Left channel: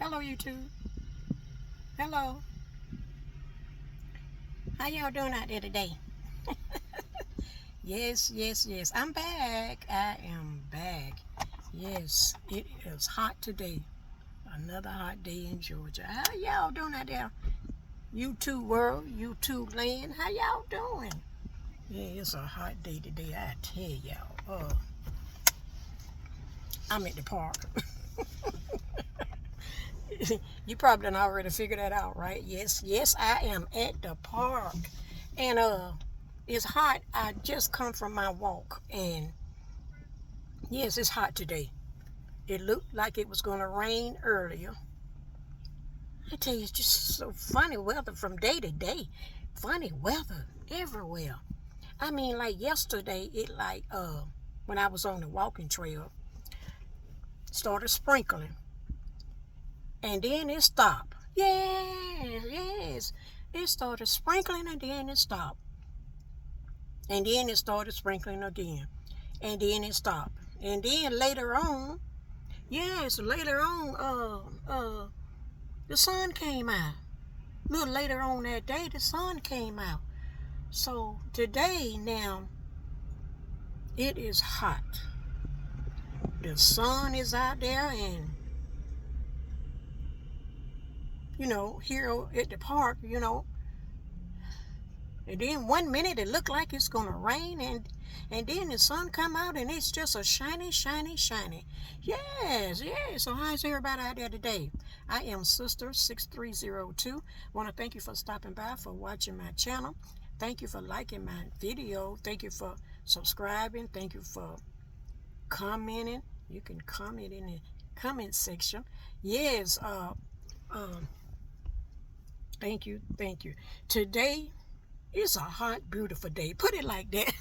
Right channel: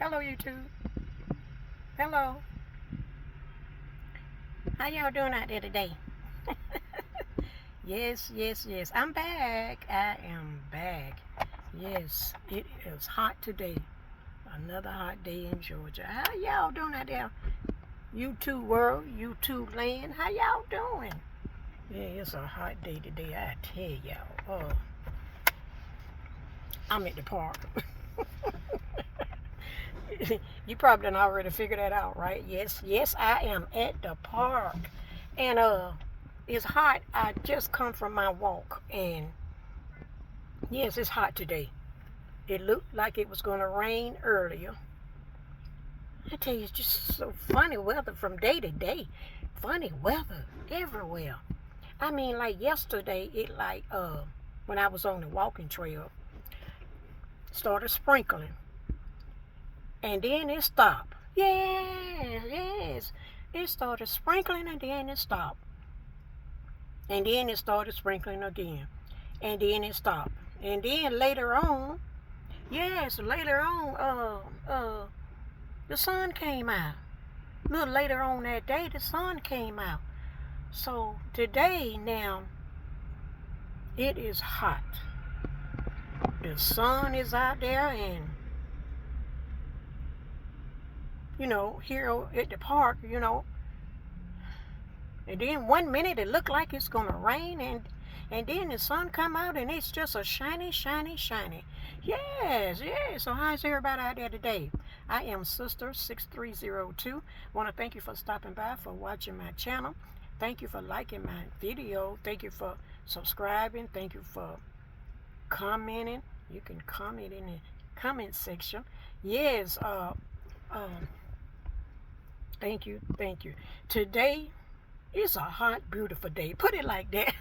Hello, YouTube. Hello. How y'all doing out there today? Yes, yes, yes. I'm back. I am back. Yes, it is hot today. Another hot day in Georgia. How y'all doing out there? YouTube world, YouTube land. How y'all doing? Yeah, it's a hot day today. I tell y'all. I'm at the park. You probably done already figured that out, right? Yes, yes, I am at the park. And it's hot. I just come from my walk, and yes, it's hot today. It looked like it was going to rain earlier. I tell you, it's just so funny weather from day to day. Funny weather everywhere. I mean, like yesterday, when I was on the walking trail, started sprinkling, and then it stopped. Yes, yes. It started sprinkling and then it stopped. And then it started sprinkling again. And then it stopped. And then later on, yes, later on, the sun came out. A little later on that day, the sun came out. So today now, it is hot. The sun is out there, and here at the park, and then 1 minute it looked like it's gonna rain, and then the sun come out and it's just a shiny, shiny, shiny. Yes, yes. So how's everybody out there today? I am Sister 6302. Want to thank you for stopping by, for watching my channel. Thank you for liking my video. Thank you for subscribing. Thank you for commenting. You can comment in the comment section. Yes. Thank you. Thank you. Today it's a hot, beautiful day. Put it like that.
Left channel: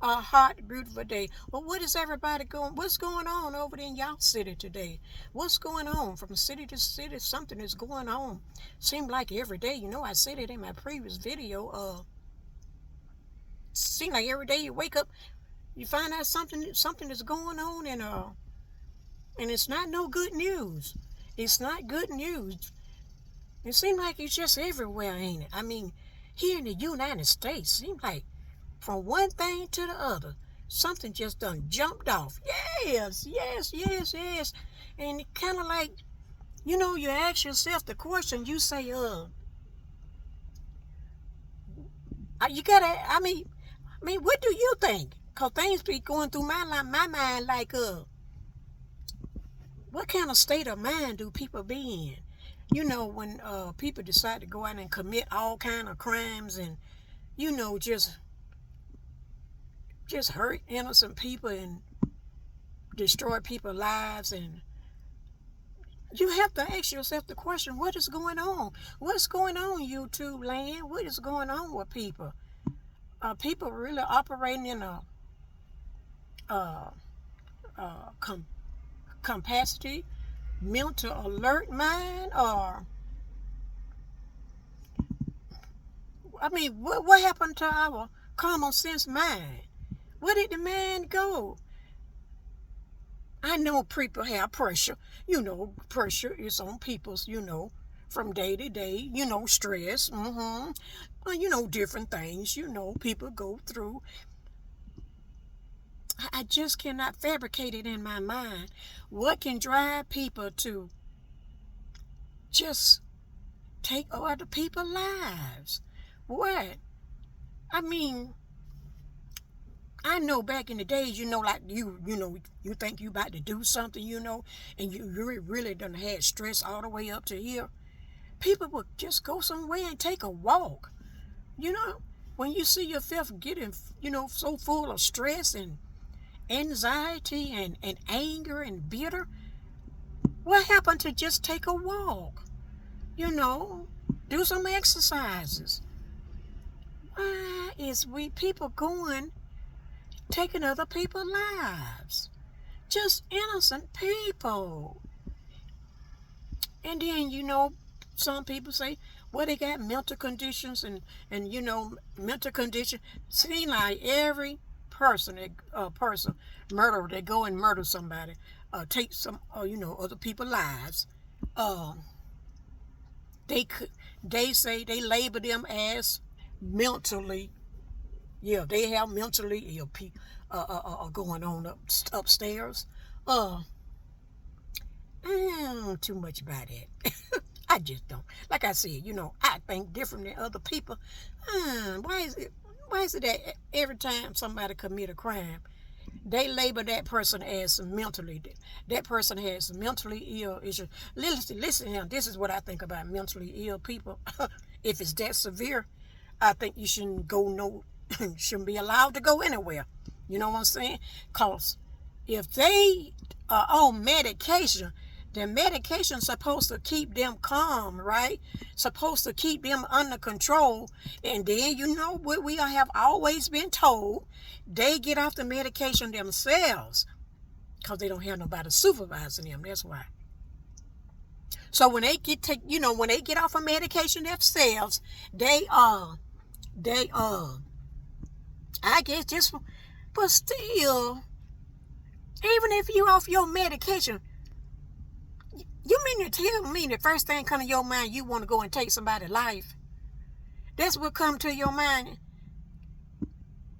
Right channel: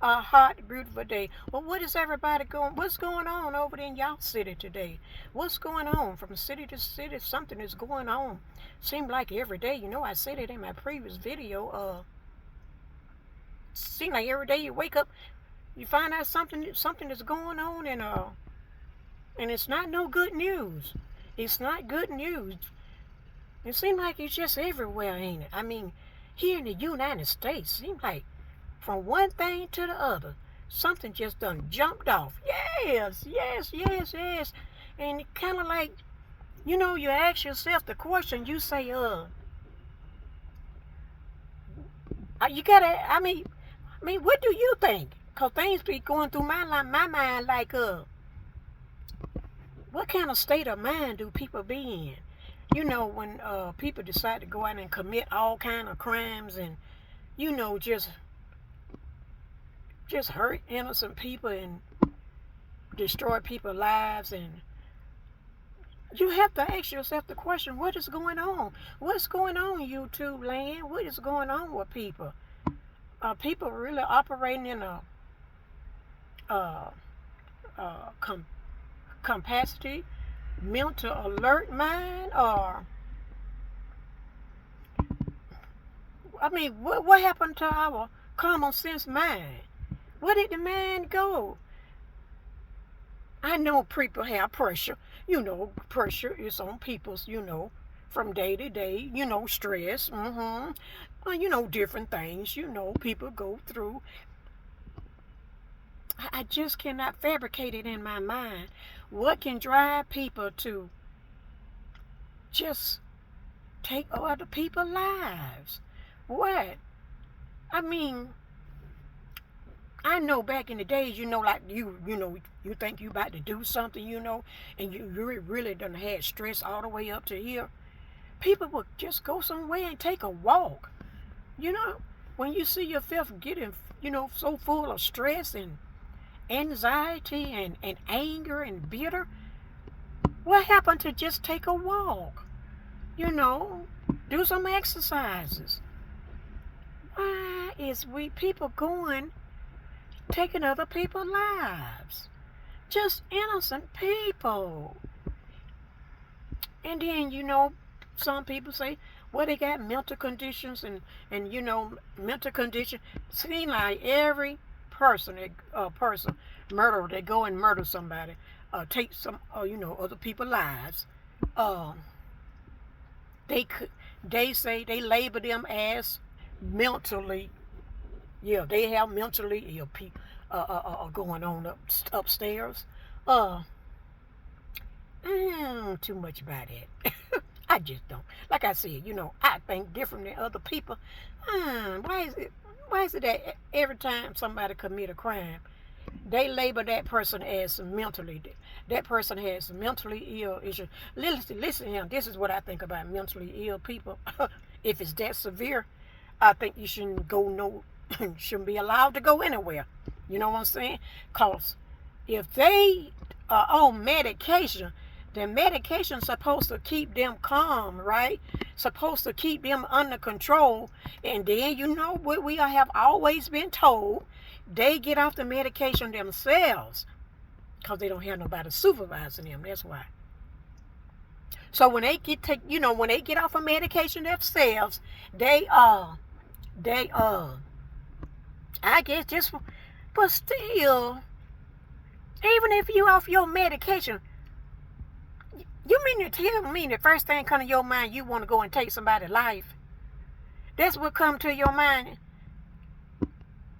A hot, beautiful day. Well, what is everybody going? What's going on over there in y'all city today? What's going on from city to city? Something is going on. Seems like every day. I said it in my previous video. Seems like every day you wake up, you find out something is going on, and it's not no good news. It's not good news. It seems like it's just everywhere, ain't it? I mean, here in the United States, seems like from one thing to the other, something just done jumped off. Yes, yes, yes, yes. And kind of like, you ask yourself the question, you say, you gotta, what do you think? Because things be going through my mind like, what kind of state of mind do people be in? When people decide to go out and commit all kind of crimes and, just hurt innocent people and destroy people's lives, and you have to ask yourself the question, what is going on? What's going on, YouTube land? What is going on with people? Are people really operating in a capacity, mental alert mind? Or what happened to our common sense mind? Where did the mind go? I know people have pressure. Pressure is on people's, from day to day, stress. Well, different things, people go through. I just cannot fabricate it in my mind. What can drive people to just take other people's lives? What? I mean, I know back in the days, like you think you about to do something, and you really done had stress all the way up to here. People would just go somewhere and take a walk. When you see yourself getting, so full of stress and anxiety and anger and bitter, what happened to just take a walk? Do some exercises. Why is people going taking other people's lives? Just innocent people. And then, some people say, well, they got mental conditions and mental condition. Seems like every person, murderer, they go and murder somebody, take some, other people's lives. Um, they say they label them as mentally, yeah, they have mentally ill people going on upstairs. Uh, too much about it. I just don't. Like I said, I think different than other people. Why is it that every time somebody commit a crime, they label that person as that person has mentally ill issues. Listen to him. This is what I think about mentally ill people. If it's that severe, I think you shouldn't be allowed to go anywhere. You know what I'm saying? Because if they are on medication, then medication's supposed to keep them calm, right? Supposed to keep them under control. And then what we have always been told, they get off the medication themselves because they don't have nobody supervising them. That's why. So when they get off of medication themselves, I guess just, but still, even if you off your medication, you mean to tell me the first thing come to your mind, you want to go and take somebody's life? That's what come to your mind.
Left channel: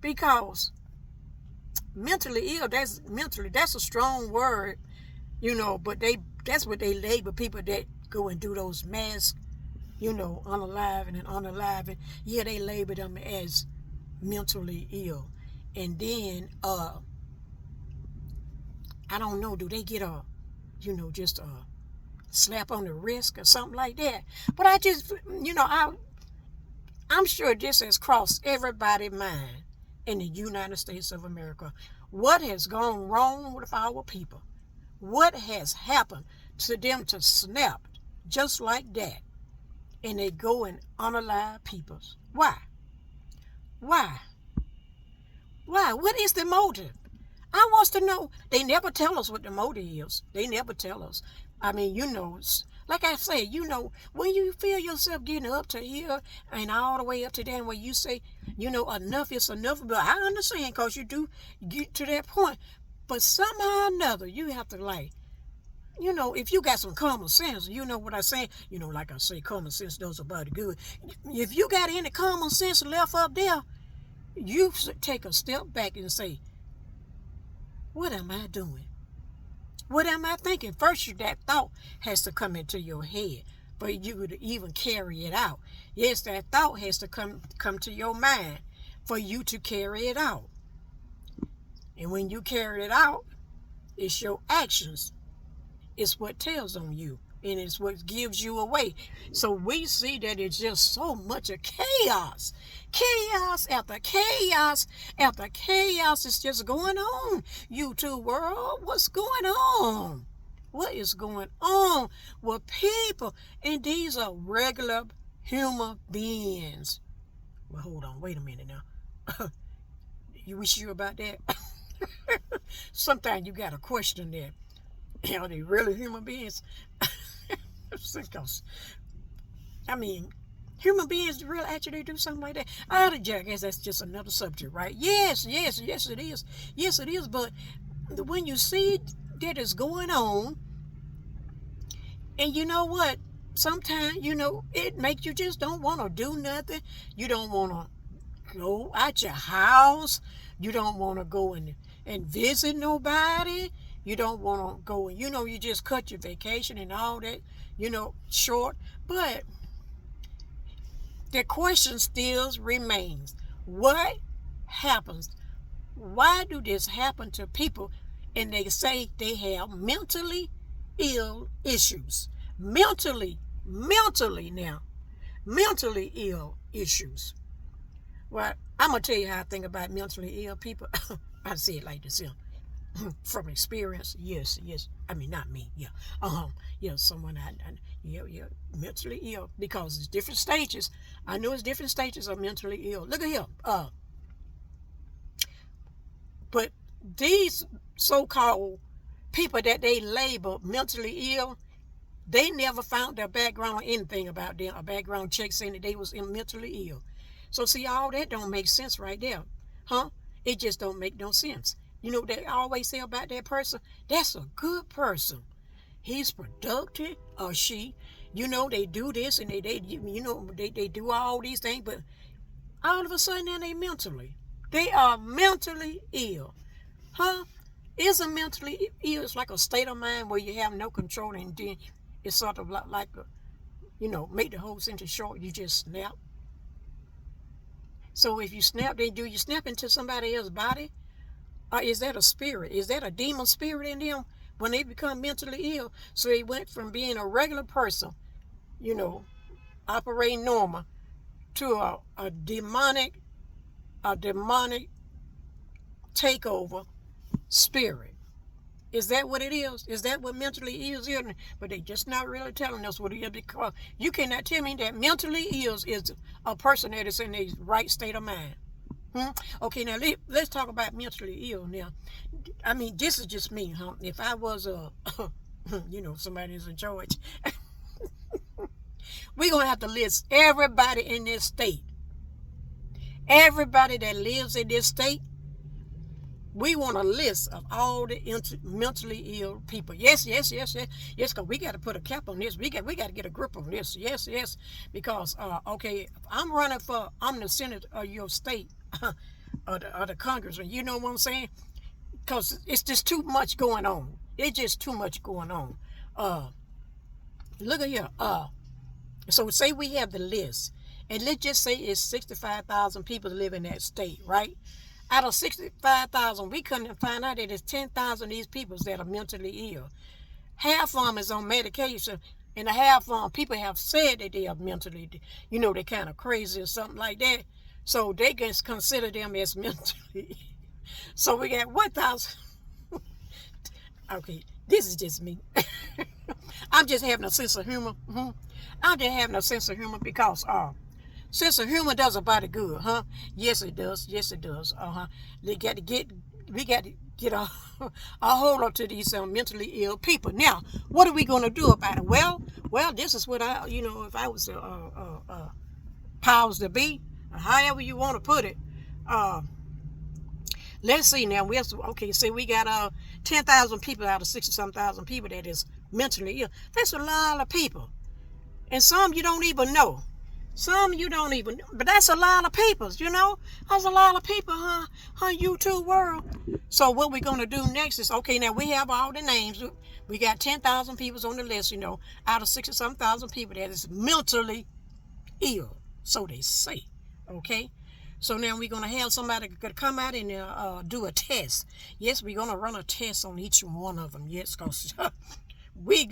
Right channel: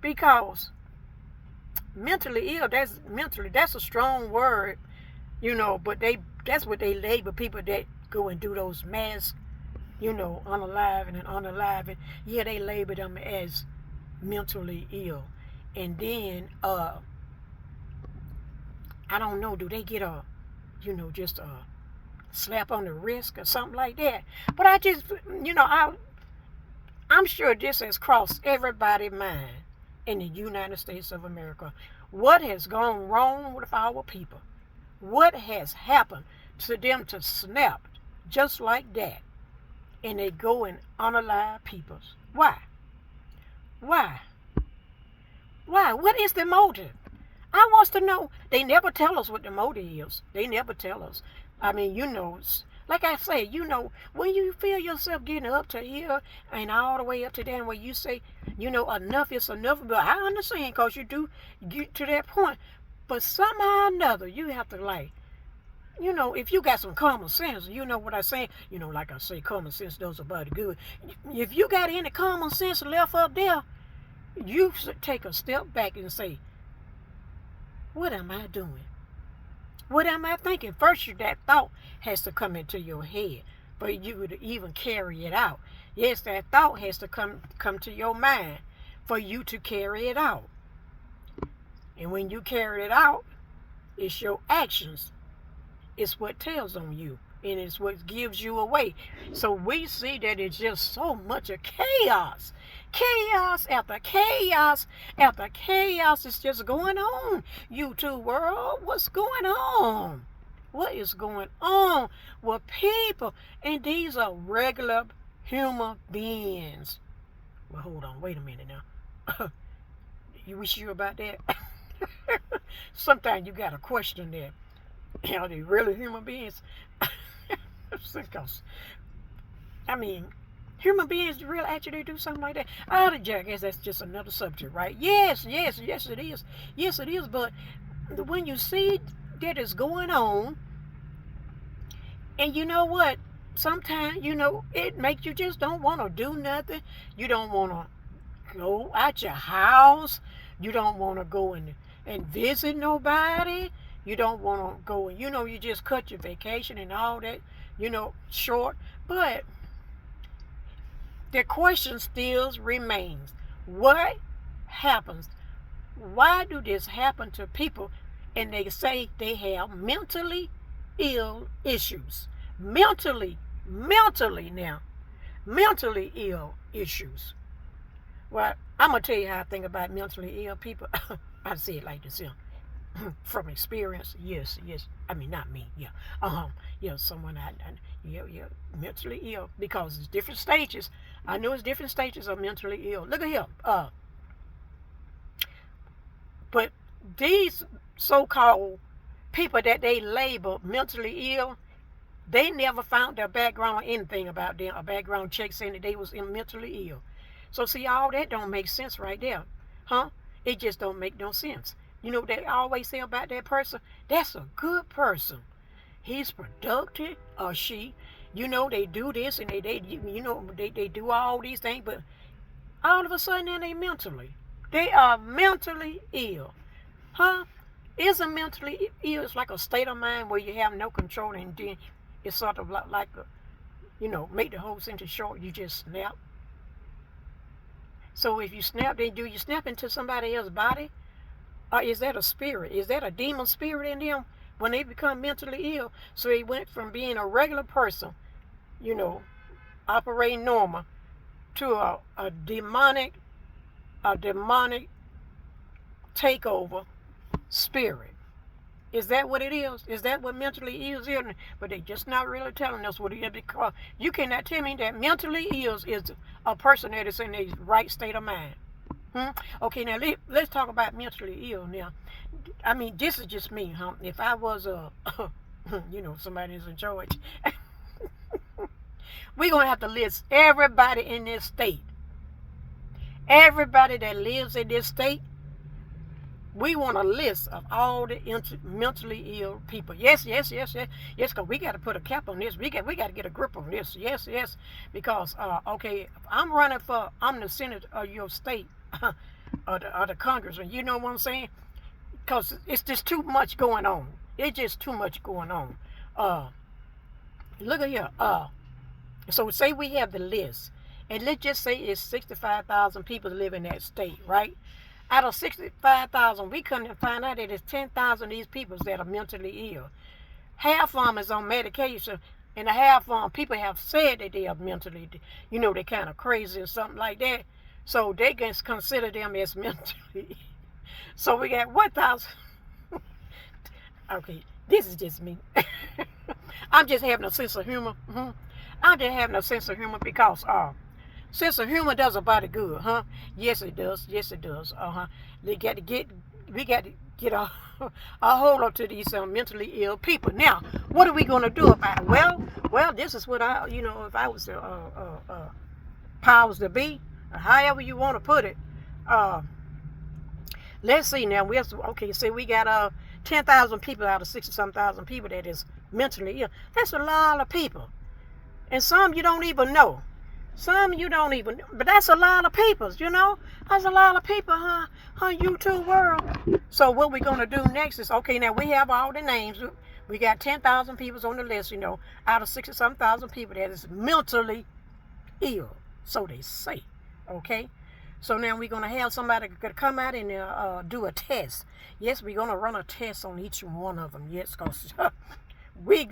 Because mentally ill, that's a strong word, but that's what they label people that go and do those mass, unaliving and unaliving. Yeah, they label them as mentally ill. And then I don't know, do they get just a slap on the wrist or something like that? But I just, I'm sure this has crossed everybody's mind in the United States of America. What has gone wrong with our people? What has happened to them to snap just like that? And they go and unalive people. Why? Why? What is the motive? I want to know. They never tell us what the motive is. They never tell us. I mean, like I say, when you feel yourself getting up to here and all the way up to there, where you say, enough is enough. But I understand, because you do get to that point. But somehow or another, you have to if you got some common sense, you know what I say? Like I say, common sense does a body good. If you got any common sense left up there, you should take a step back and say, what am I doing? What am I thinking? First, that thought has to come into your head, but you would even carry it out. Yes, that thought has to come to your mind for you to carry it out. And when you carry it out, it's your actions. It's what tells on you, and it's what gives you away. So we see that it's just so much of chaos. Chaos after chaos after chaos is just going on. YouTube world, what's going on? What is going on with people? And these are regular human beings. Well, hold on, wait a minute now. You sure about that? Sometimes you got to question that. Are they really human beings? I mean, human beings really actually do something like that? I guess that's just another subject, right? Yes, it is. Yes, it is. But when you see that it's going on, and you know what? Sometimes, it makes you just don't want to do nothing. You don't want to go out your house. You don't want to go and visit nobody. You don't want to go and, you just cut your vacation and all that, short. But the question still remains. What happens? Why do this happen to people? And they say they have mentally ill issues. Mentally ill issues. Well, I'm going to tell you how I think about mentally ill people. I say it like this, from experience, yes. I mean, not me, someone mentally ill, because it's different stages. I know it's different stages of mentally ill. Look at him. But these so-called people that they label mentally ill, they never found their background or anything about them. A background check saying that they was mentally ill. So see, all that don't make sense right there, huh? It just don't make no sense. You know what they always say about that person? That's a good person. He's productive, or she. You know, they do this and they do all these things, but all of a sudden then they are mentally ill. Huh? Isn't mentally ill? It's like a state of mind where you have no control, and then it's sort of like a, make the whole sentence short, you just snap. So if you snap, then do you snap into somebody else's body? Or is that a spirit? Is that a demon spirit in them when they become mentally ill? So they went from being a regular person, operating normal, to a demonic takeover spirit. Is that what it is? Is that what mentally ill is? But they just not really telling us what it is, because you cannot tell me that mentally ill is a person that is in a right state of mind. Okay, now let's talk about mentally ill now. I mean, this is just me, huh? If I was somebody who's in charge, we're going to have to list everybody in this state. Everybody that lives in this state, we want a list of all the mentally ill people. Yes, because we got to put a cap on this. We got to get a grip on this. Yes, because, I'm the Senate of your state, or the Congressman. You know what I'm saying? Because it's just too much going on. It's just too much going on. Look at here. So say we have the list, and let's just say it's 65,000 people live in that state, right? Out of 65,000, we couldn't find out that there's 10,000 of these people that are mentally ill. Half of them is on medication, and half of them people have said that they are mentally, they're kind of crazy or something like that. So they can consider them as mentally. So we got 1,000. Okay, this is just me. I'm just having a sense of humor. I'm just having a sense of humor because sense of humor does a body good, huh? Yes, it does. We got to get a hold on to these mentally ill people. Now, what are we going to do about it? Well, this is what if I was powers to be, or however you want to put it. Let's see now. Say we got 10,000 people out of 60-some thousand people that is mentally ill. That's a lot of people, and some you don't even know. But that's a lot of people, That's a lot of people, huh? YouTube world. So what we're going to do next is, now we have all the names. We got 10,000 people on the list, out of 60-some thousand people that is mentally ill. So they say, okay? So now we're going to have somebody come out and do a test. Yes, we're going to run a test on each one of them. Yes, because we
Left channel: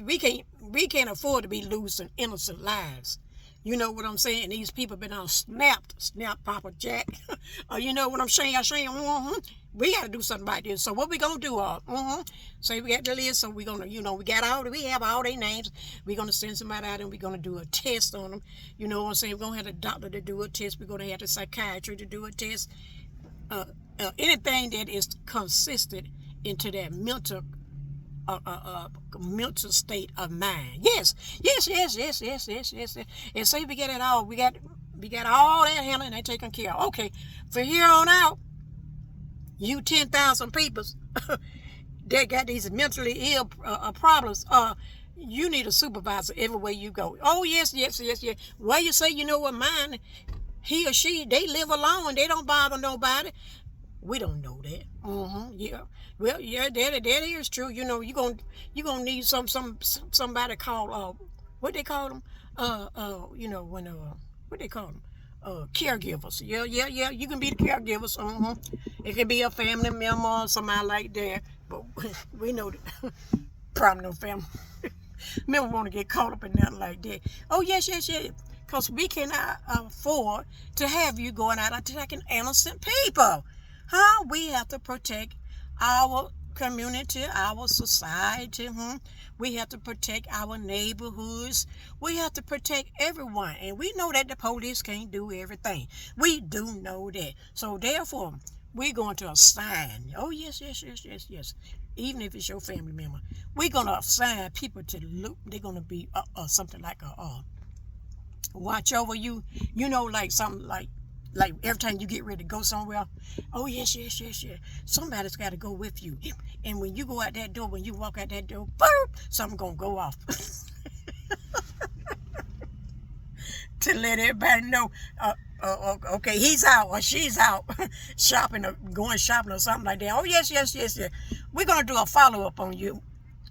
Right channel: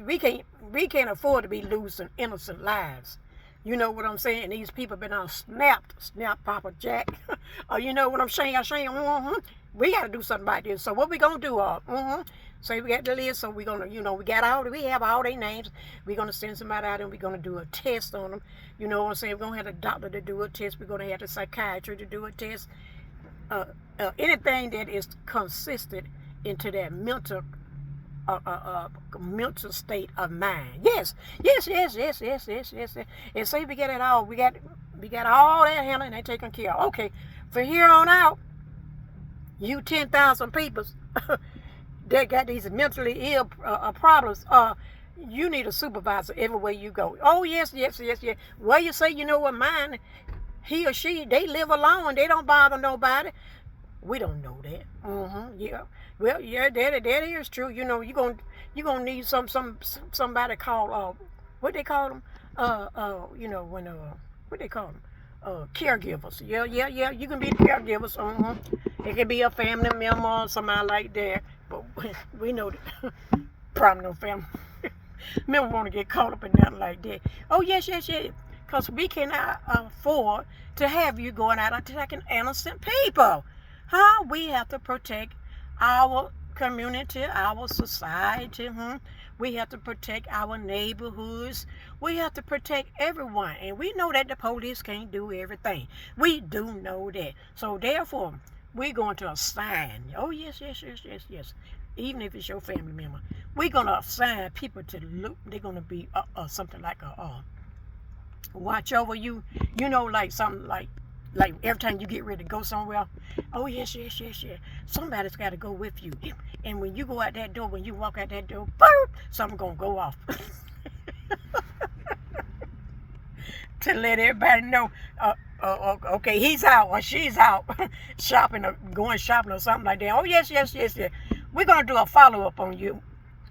can't afford to be losing innocent lives. You know what I'm saying? These people been on snap Papa Jack. You know what I'm saying? We got to do something about this. So what we going to do? So we got the list. So we going to, we have all their names. We're going to send somebody out and we're going to do a test on them. You know what I'm saying? We're going to have the doctor to do a test. We're going to have the psychiatrist to do a test. Anything that is consistent into that mental state of mind. Yes. And say we get it all. We got all that handled and they taken care of. Okay, from here on out, you 10,000 people that got these mentally ill problems. You need a supervisor everywhere you go. Oh yes. Well, you say, what, mine, he or she, they live alone. They don't bother nobody. We don't know that. Yeah. Well, yeah, that is true. You're gonna need somebody called what they call them? What they call them? Caregivers. Yeah. You can be the caregivers. It could be a family member or somebody like that. But we know that probably no family member want to get caught up in nothing like that. Oh yes. Because we cannot afford to have you going out attacking innocent people. Huh? We have to protect our community, our society. We have to protect our neighborhoods. We have to protect everyone. And we know that the police can't do everything. We do know that. So therefore, we're going to assign. Oh, yes. Even if it's your family member. We're going to assign people to look. They're going to be something like a watch over you. Like something like Like every time you get ready to go somewhere, oh yes, yes, yes, yes. Somebody's got to go with you. And when you go out that door, when you walk out that door, boop, something gonna go off. To let everybody know, okay, he's out or she's out shopping or going shopping or something like that. Oh yes, yes, yes, yes. We're gonna do a follow-up on you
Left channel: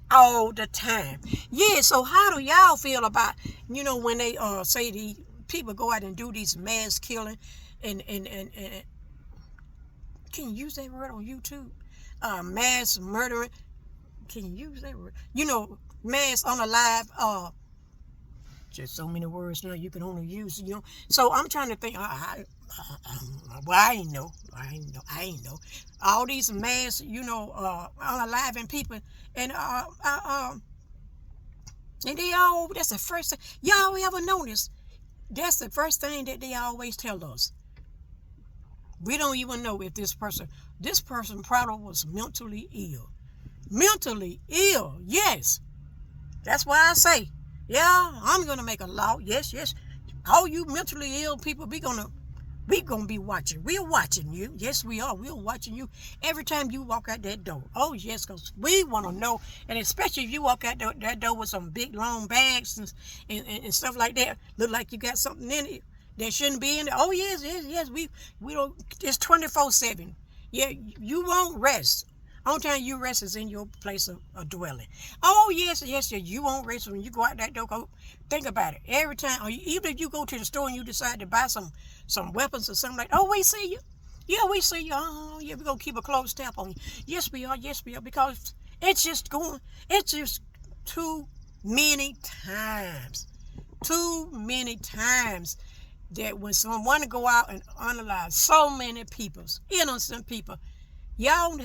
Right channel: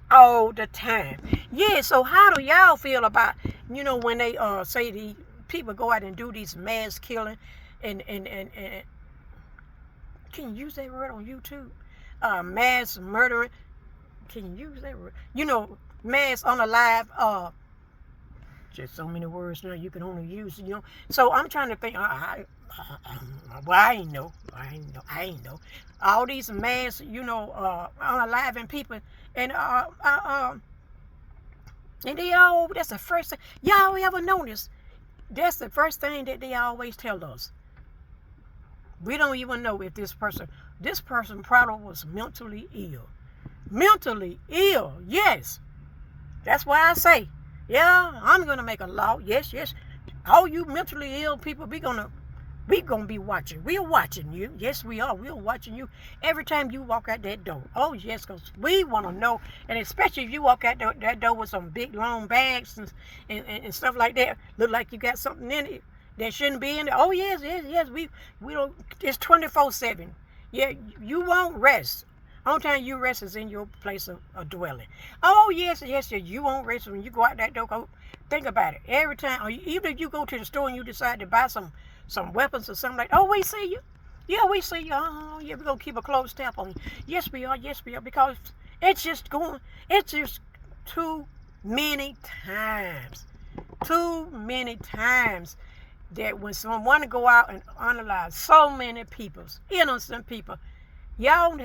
all the time. Yeah, so how do y'all feel about, when they say the people go out and do these mass killing and can you use that word on YouTube? Mass murdering. Can you use that word? Mass unalive. Just so many words now you can only use. So I'm trying to think. I ain't know. All these mass, unaliving people, and they all. That's the first thing y'all ever notice. That's the first thing that they always tell us. We don't even know if this person probably was mentally ill. Mentally ill, yes. That's why I say, yeah, I'm gonna make a law. Yes, yes. All you mentally ill people, we gonna be watching. We're watching you. Yes, we are. We're watching you every time you walk out that door. Oh yes, because we want to know, and especially if you walk out that door with some big long bags and stuff like that, look like you got something in it that shouldn't be in there. Oh yes, yes, yes. We don't. It's 24/7. Yeah, you won't rest. Only time you rest is in your place of dwelling. Oh yes, yes, yes. You won't rest when you go out that door. Think about it. Every time, or even if you go to the store and you decide to buy some weapons or something like that. Oh, we see you. Yeah, we see you. Oh, yeah, we're going to keep a close tap on you. Yes, we are. Yes, we are. Because it's just too many times. Too many times that when someone want to go out and analyze so many people's, innocent people, y'all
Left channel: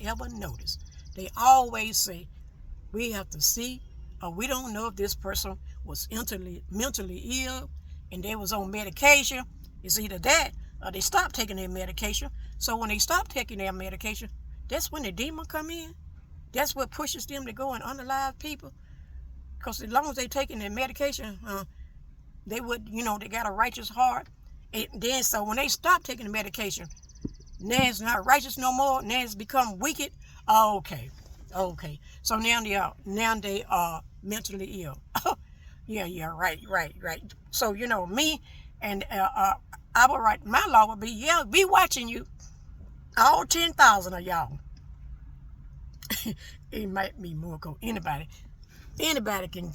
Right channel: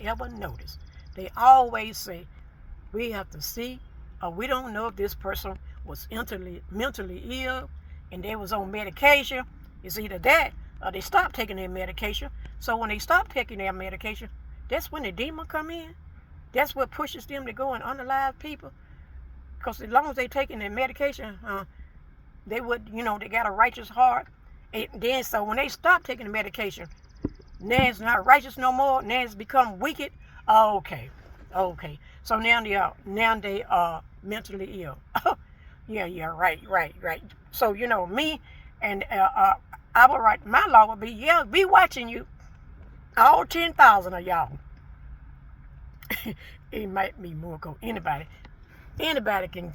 ever noticed? They always say, we have to see, or we don't know if this person was mentally ill, and they was on medication. It's either that or they stopped taking their medication. So when they stop taking their medication, that's when the demon come in. That's what pushes them to go and unalive people. Because as long as they taking their medication, they would, they got a righteous heart. And then so when they stop taking the medication, now it's not righteous no more. Now it's become wicked. Oh, okay. So now they are mentally ill. Yeah, right. So, me and I would write, my law would be, be watching you, all 10,000 of y'all. It might be more, anybody can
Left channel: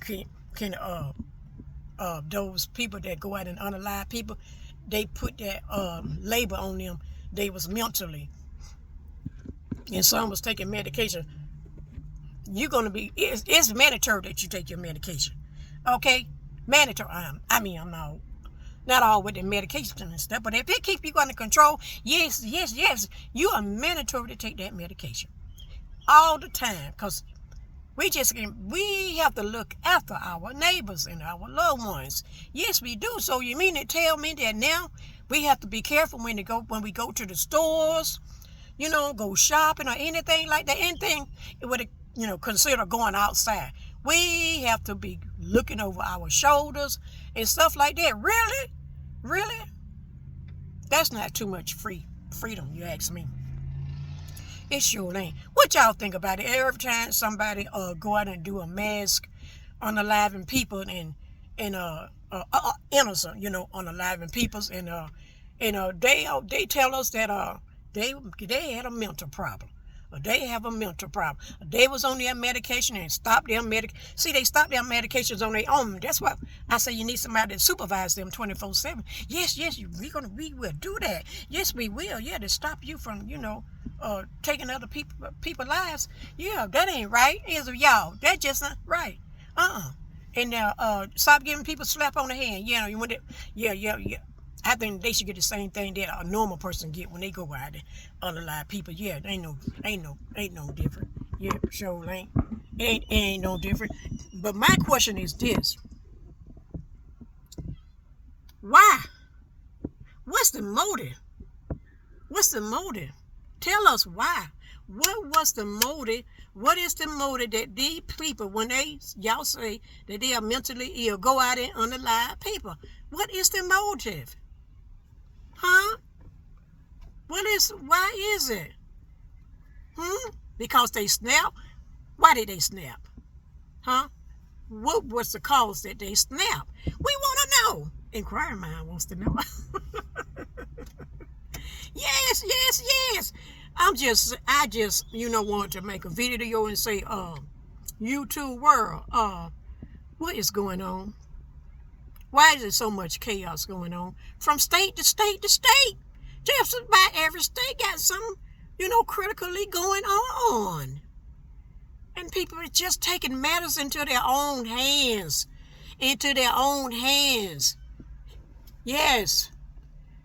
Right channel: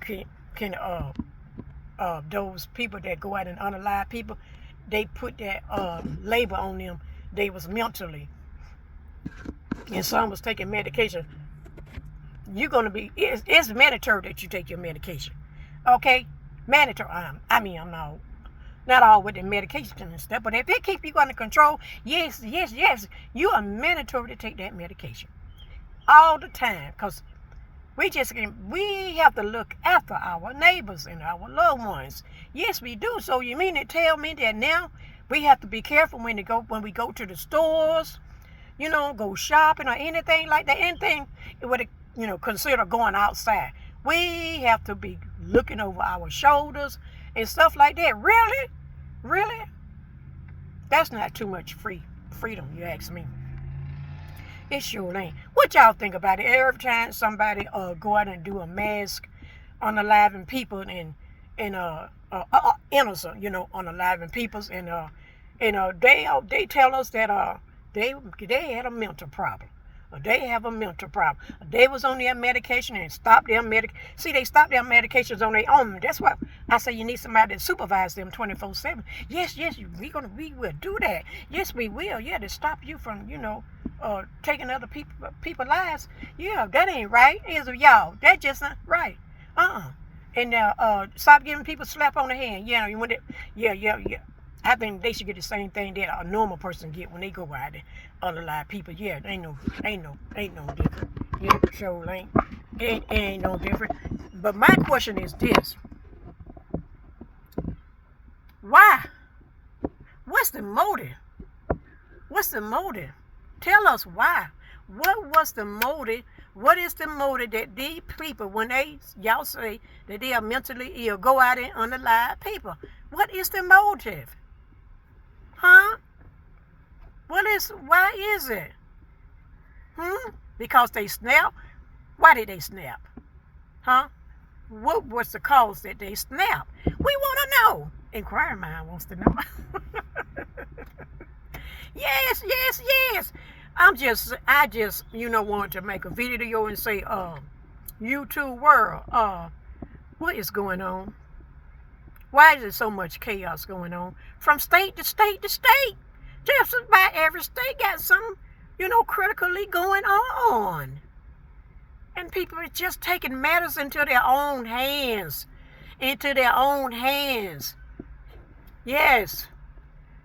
those people that go out and unalive people, they put that label on them. They was mentally, and some was taking medication. You're going to be, it's mandatory that you take your medication. Okay, mandatory. I'm not all with the medication and stuff, but if it keep you under control, yes, you are mandatory to take that medication all the time, because we have to look after our neighbors and our loved ones. Yes, we do. So you mean to tell me that now we have to be careful when we go to the stores, go shopping or anything like that, anything would consider going outside. We have to be looking over our shoulders and stuff like that. Really? That's not too much freedom, you ask me. It sure ain't. What y'all think about it? Every time somebody go out and do a mask unaliving people and innocent, unaliving peoples, and they tell us that they had a mental problem. They have a mental problem. They was on their medication and stopped their See, they stopped their medications on their own. That's why I say you need somebody to supervise them 24/7. Yes, we will do that. Yes, we will. Yeah, to stop you from, taking other people's lives. Yeah, that ain't right. Is y'all? That just not right. And stop giving people slap on the hand. Yeah. I think they should get the same thing that a normal person get when they go out and unalive people. Yeah, ain't no different. Yeah, sure ain't no different. But my question is this: why? What's the motive? Tell us why. What was the motive? What is the motive that these people, when y'all say that they are mentally ill, go out and unalive people? What is the motive? Huh? Why is it? Because they snap? Why did they snap? Huh? What was the cause that they snap? We want to know. Inquiring mind wants to know. Yes, yes, yes. I just, wanted to make a video and say, YouTube world, what is going on? Why is there so much chaos going on? From state to state to state. Just about every state got something, critically going on. And people are just taking matters into their own hands. Into their own hands. Yes.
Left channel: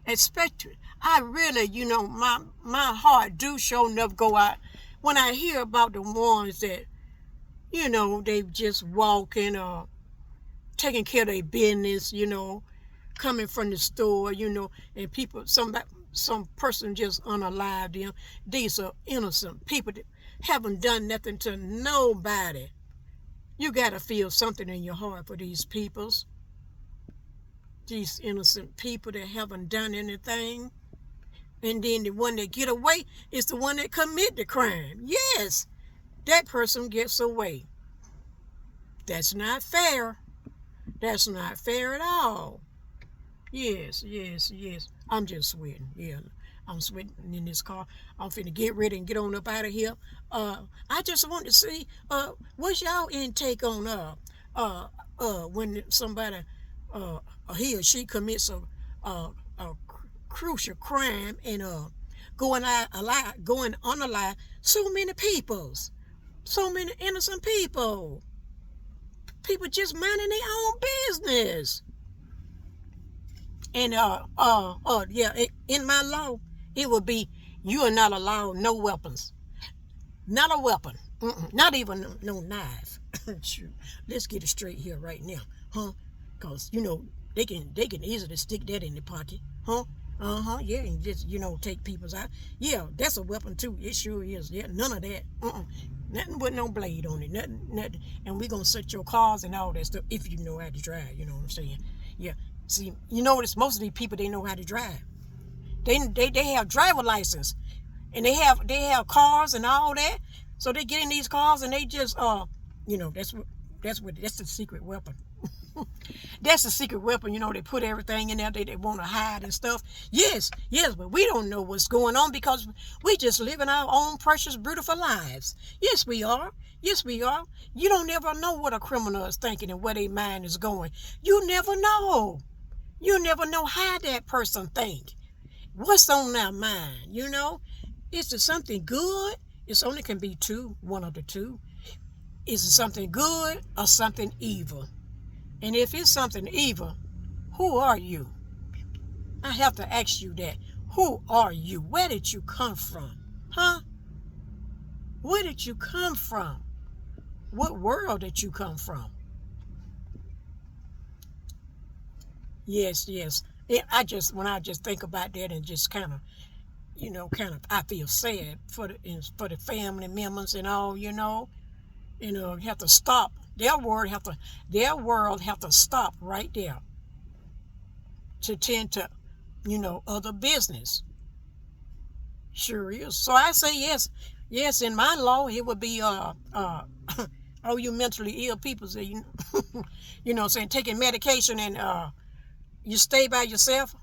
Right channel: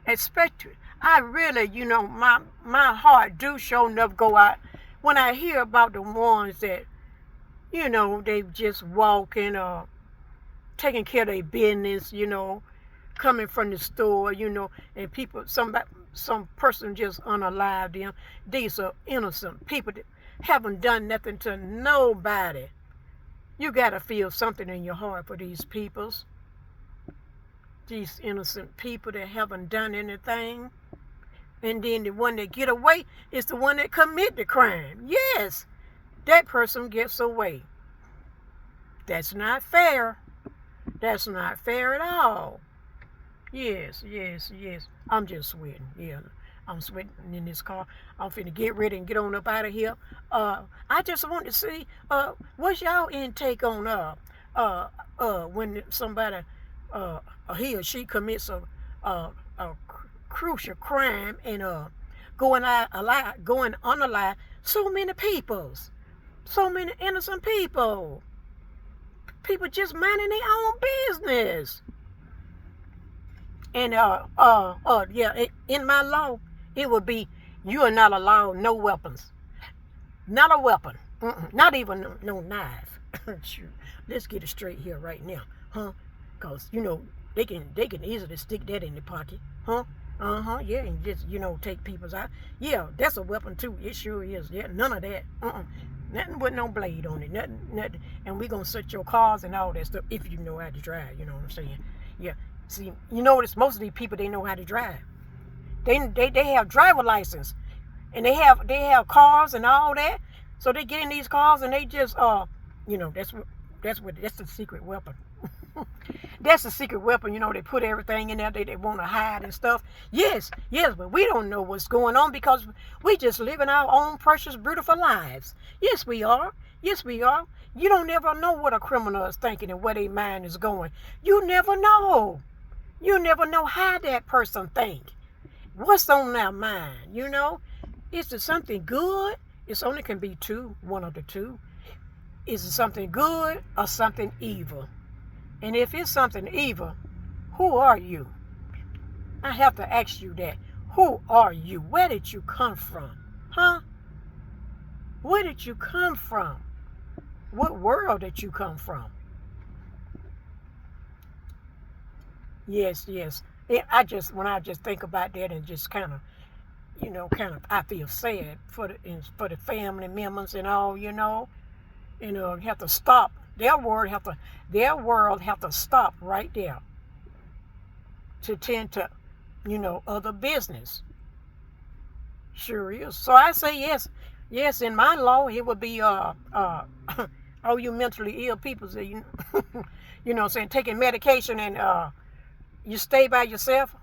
Especially, I really, my heart do show enough go out when I hear about the ones that, they just walking or taking care of their business, coming from the store, and people, some person just unalive them. These are innocent people that haven't done nothing to nobody. You got to feel something in your heart for these peoples. These innocent people that haven't done anything. And then the one that get away is the one that commit the crime. Yes, that person gets away. That's not fair. That's not fair at all. Yes, yes, yes. I'm just sweating. Yeah, I'm sweating in this car. I'm finna get ready and get on up out of here. I just want to see, what's y'all intake on when somebody he or she commits a crucial crime and going unalive so many peoples, so many innocent people just minding their own business. And in my law it would be you are not allowed no weapons, not a weapon, not even no knife. Sure. Let's get it straight here right now, huh? Cause they can easily stick that in the pocket, huh? Yeah, and just take people's out. Yeah, that's a weapon too. It sure is. Yeah, none of that. Nothing with no blade on it. Nothing. And we gonna search your cars and all that stuff if you know how to drive. You know what I'm saying? Yeah. See, notice most of these people, they know how to drive. They have driver license, and they have cars and all that. So they get in these cars and they just that's the secret weapon. That's the secret weapon. They put everything in there they want to hide and stuff. Yes, but we don't know what's going on because we just living our own precious, beautiful lives. Yes, we are. Yes, we are. You don't ever know what a criminal is thinking and where their mind is going. You never know. You never know how that person think. What's on their mind, Is it something good? It's only can be one of the two. Is it something good or something evil? And if it's something evil, who are you? I have to ask you that. Who are you? Where did you come from? Huh? Where did you come from? What world did you come from? Yes. When I just think about that and just kind of, I feel sad for the family members and all, have to stop. Their world have to stop right there to tend to, other business. Sure is. So I say yes. Yes, in my law it would be all you mentally ill people say saying taking medication and you stay by yourself.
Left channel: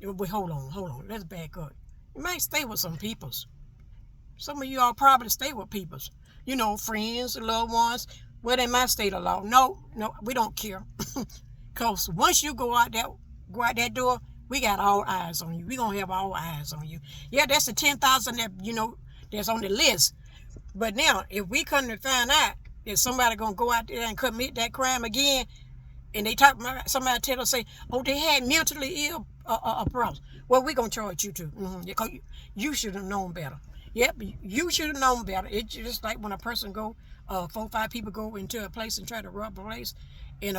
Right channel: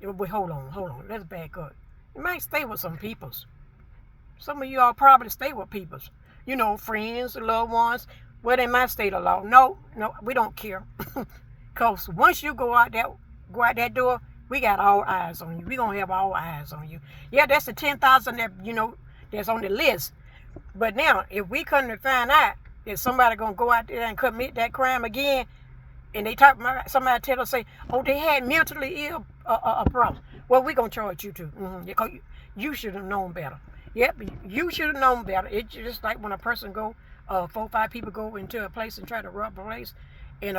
Wait, hold on. Let's back up. You might stay with some peoples. Some of you all probably stay with peoples. Friends, loved ones. Well, in my state of law, no, we don't care. Because once you go out that door, we got all eyes on you. We gonna have all eyes on you. Yeah, that's the 10,000 that that's on the list. But now, if we come to find out that somebody gonna go out there and commit that crime again, and they somebody tell us say, oh, they had mentally ill problems. Well, we gonna charge you too. Because you should have known better. Yep, you should have known better. It's just like when a person 4 or 5 people go into a place and try to rob a place, and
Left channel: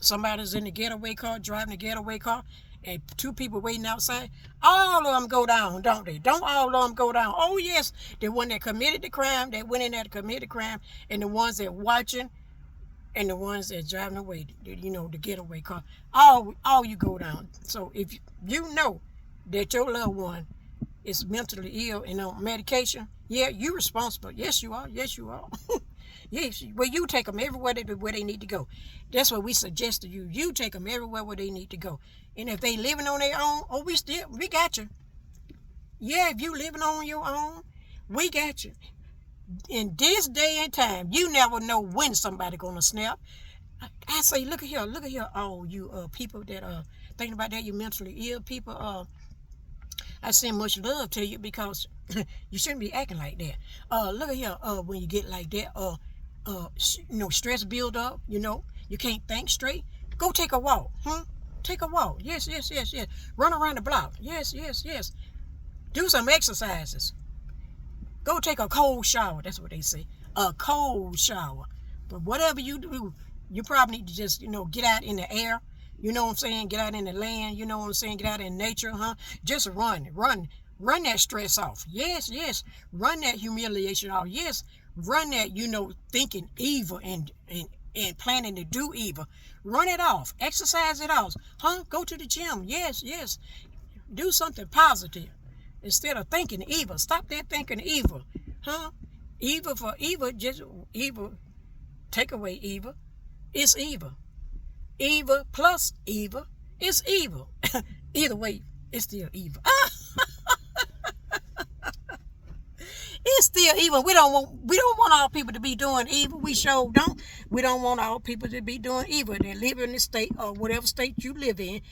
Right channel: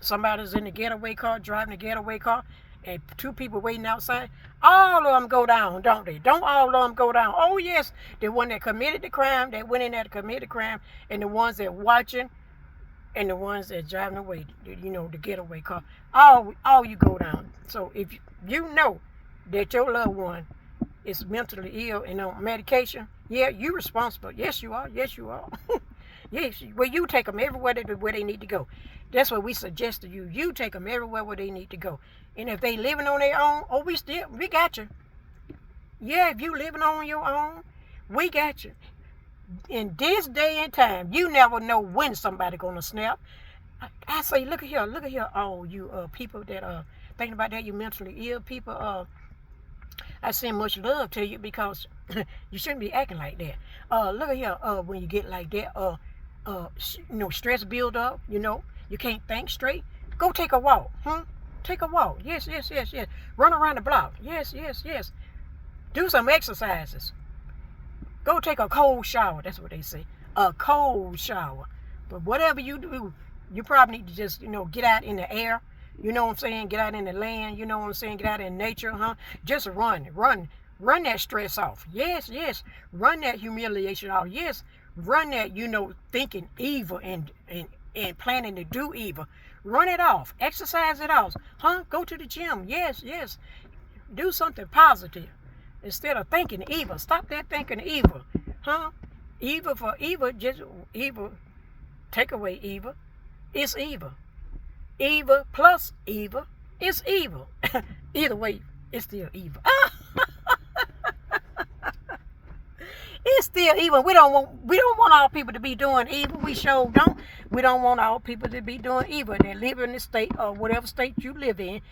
somebody's in the getaway car, driving the getaway car, and 2 people waiting outside. All of them go down, don't they? Don't all of them go down? Oh, yes. The one that committed the crime, that went in there to commit the crime, and the ones that watching, and the ones that driving away, the getaway car, all you go down. So if you know that your loved one is mentally ill and on medication, yeah, you responsible. Yes, you are. Yes, you are. Yes, well, you take them everywhere where they need to go. That's what we suggest to you. You take them everywhere where they need to go. And if they living on their own, oh, we got you. Yeah, if you living on your own, we got you. In this day and time, you never know when somebody gonna snap. I say, look at here, all you people that thinking about that, you mentally ill people. I send much love to you because you shouldn't be acting like that. Look at here, when you get like that, stress build up, you can't think straight. Go take a walk, Take a walk. Yes. Run around the block. Yes. Do some exercises. Go take a cold shower. That's what they say. A cold shower. But whatever you do, you probably need to just, get out in the air. You know what I'm saying? Get out in the land. You know what I'm saying? Get out in nature, Just run that stress off. Yes. Run that humiliation off. Yes. Run that, thinking evil and planning to do evil. Run it off. Exercise it off. Go to the gym. Yes. Do something positive. Instead of thinking evil, stop that thinking evil, Evil for evil, just evil. Take away evil, it's evil. Evil plus evil is evil. Either way, it's still evil. It's still evil. We don't want all people to be doing evil. We sure don't. We don't want all people to be doing evil. They live in the state or whatever state you live in.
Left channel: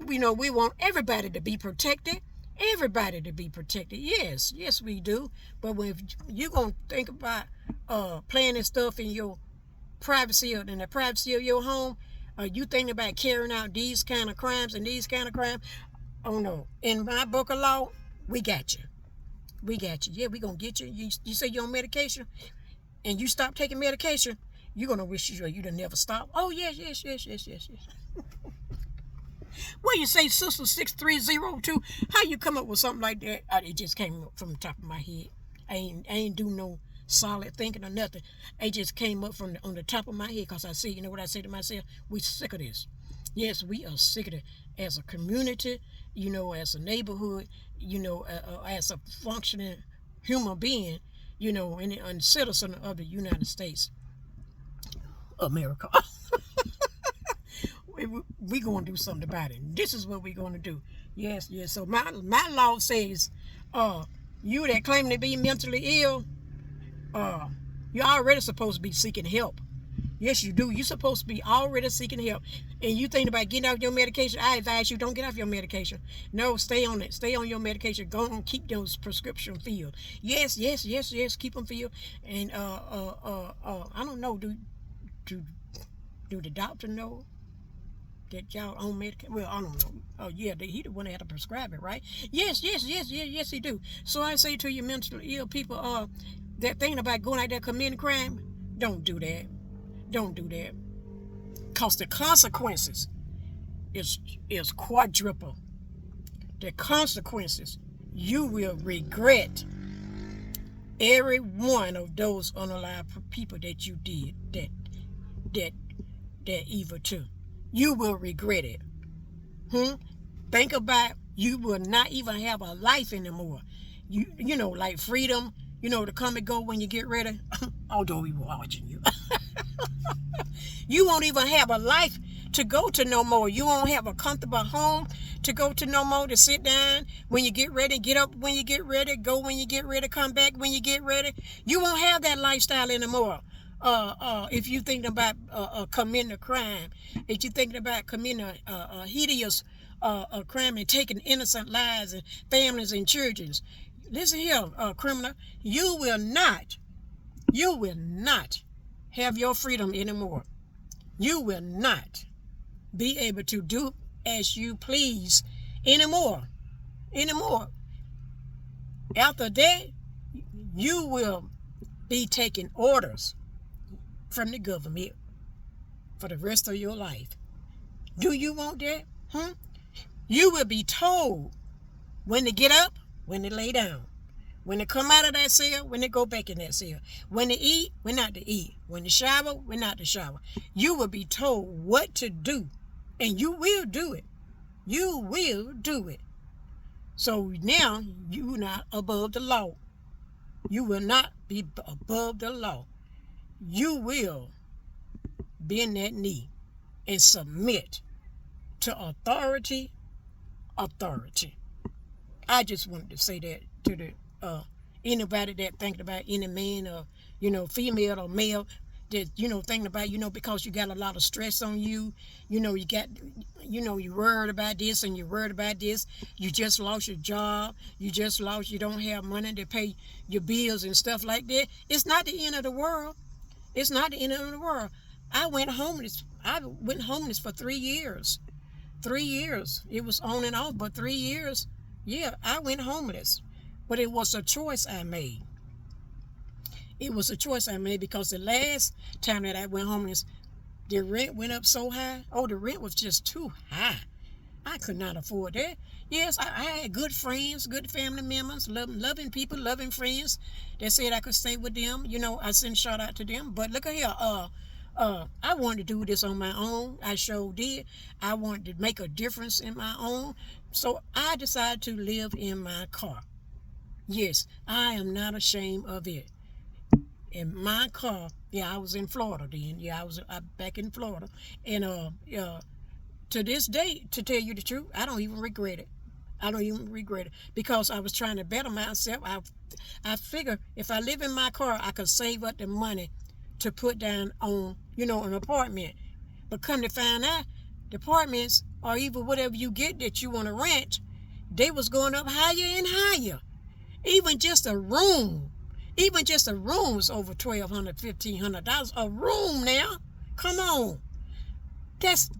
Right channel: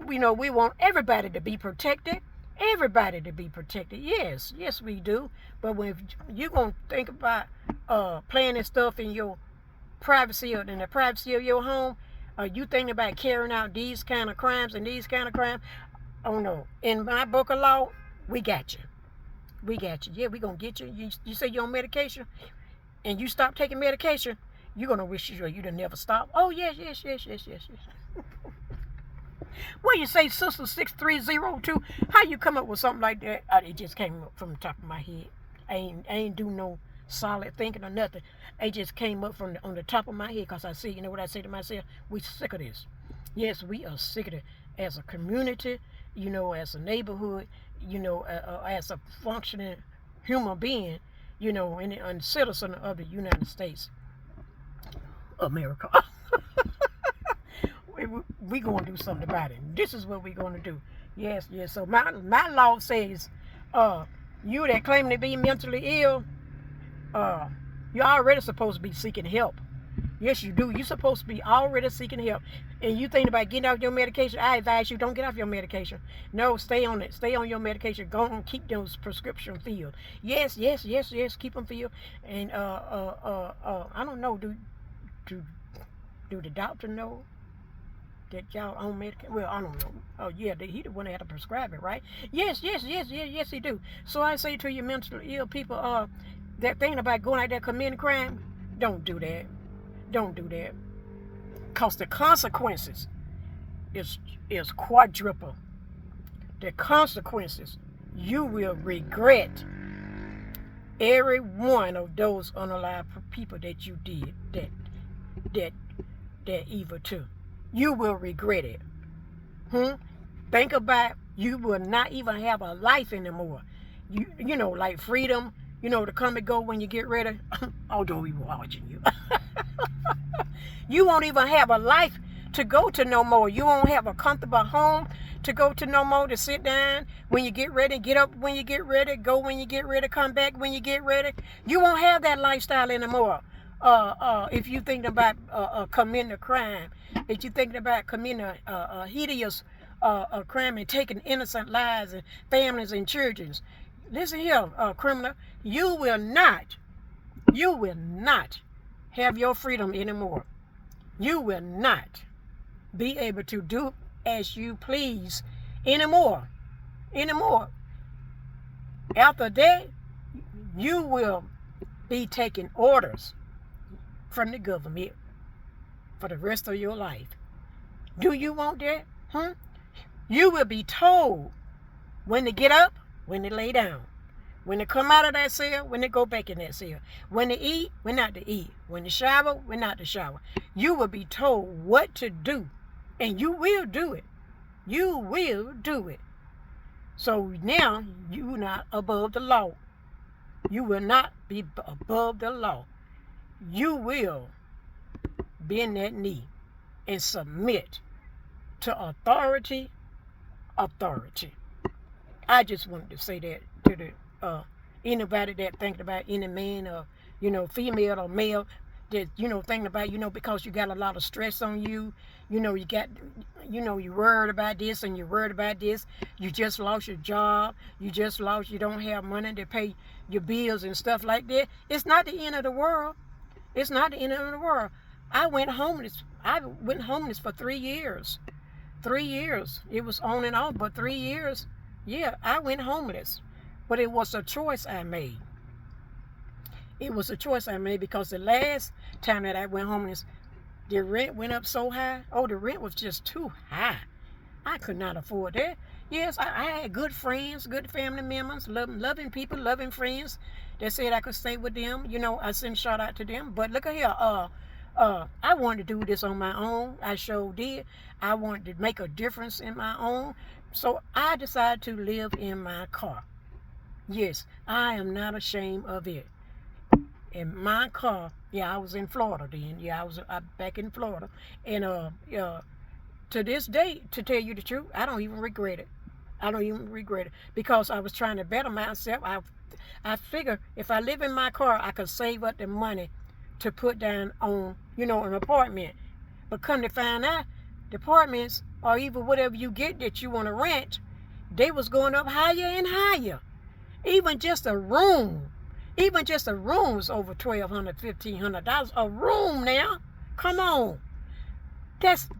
We want everybody to be protected. Everybody to be protected. Yes, we do. But when you're going to think about planning stuff in your privacy or in the privacy of your home, you thinking about carrying out these kind of crimes and these kind of crimes, oh no. In my book of law, we got you. Yeah, we going to get you. You say you're on medication and you stop taking medication, you're going to wish you'd have never stopped. Oh, yes. What you say, Sister 6302? How you come up with something like that? It just came up from the top of my head. I ain't do no solid thinking or nothing. It just came up on the top of my head because I see, you know what I say to myself? We sick of this. Yes, we are sick of it as a community, as a neighborhood, as a functioning human being, and a citizen of the United States, America. We going to do something about it. This is what we're going to do. Yes. So my law says, you that claim to be mentally ill, you're already supposed to be seeking help. Yes, you do. You're supposed to be already seeking help. And you think about getting off your medication, I advise you, don't get off your medication. No, stay on it. Stay on your medication. Go and keep those prescription filled. Yes. Keep them filled. And I don't know. Do the doctor know that y'all on medication? Well, I don't know. Oh yeah, he the one that had to prescribe it, right? Yes, he do. So I say to you mentally ill people, that thing about going out there committing crime, don't do that. Because the consequences is quadruple. The consequences, you will regret every one of those unalive people that you did that evil to. You will regret it. Think about, you will not even have a life anymore. You know, like freedom, to come and go when you get ready. Although we were watching you. You won't even have a life to go to no more. You won't have a comfortable home to go to no more, to sit down when you get ready, get up when you get ready, go when you get ready, come back when you get ready. You won't have that lifestyle anymore. If you think about committing a crime, if you thinking about committing a hideous crime and taking innocent lives and families and children, listen here, criminal, you will not have your freedom anymore. You will not be able to do as you please anymore. After that, you will be taking orders from the government for the rest of your life. Do you want that? You will be told when to get up, when to lay down, When they come out of that cell, when they go back in that cell. When they eat, we're not to eat. When they shower, we're not to shower. You will be told what to do, and you will do it. You will do it. So now you're not above the law. You will not be above the law. You will bend that knee and submit to authority. I just wanted to say that to the anybody that thinking about any man or female or male that thinking about because you got a lot of stress on you. You got you're worried about this and you're worried about this. You just lost your job. You don't have money to pay your bills and stuff like that. It's not the end of the world. It's not the end of the world. I went homeless for 3 years. 3 years. It was on and off, but 3 years. Yeah, I went homeless. But it was a choice I made. It was a choice I made because the last time that I went homeless, the rent went up so high. Oh, the rent was just too high. I could not afford that. Yes, I had good friends, good family members, loving people, loving friends that said I could stay with them. I send shout out to them. But look at here, I wanted to do this on my own. I sure did. I wanted to make a difference in my own. So I decided to live in my car. Yes, I am not ashamed of it. In my car, I was in Florida then. I was back in Florida. And to this day, to tell you the truth, I don't even regret it. I don't even regret it because I was trying to better myself. I figure if I live in my car, I could save up the money to put down on, an apartment. But come to find out, the apartments or even whatever you get that you want to rent, they was going up higher and higher. Even just a room is over $1,200, $1,500 a room now. Come on. That's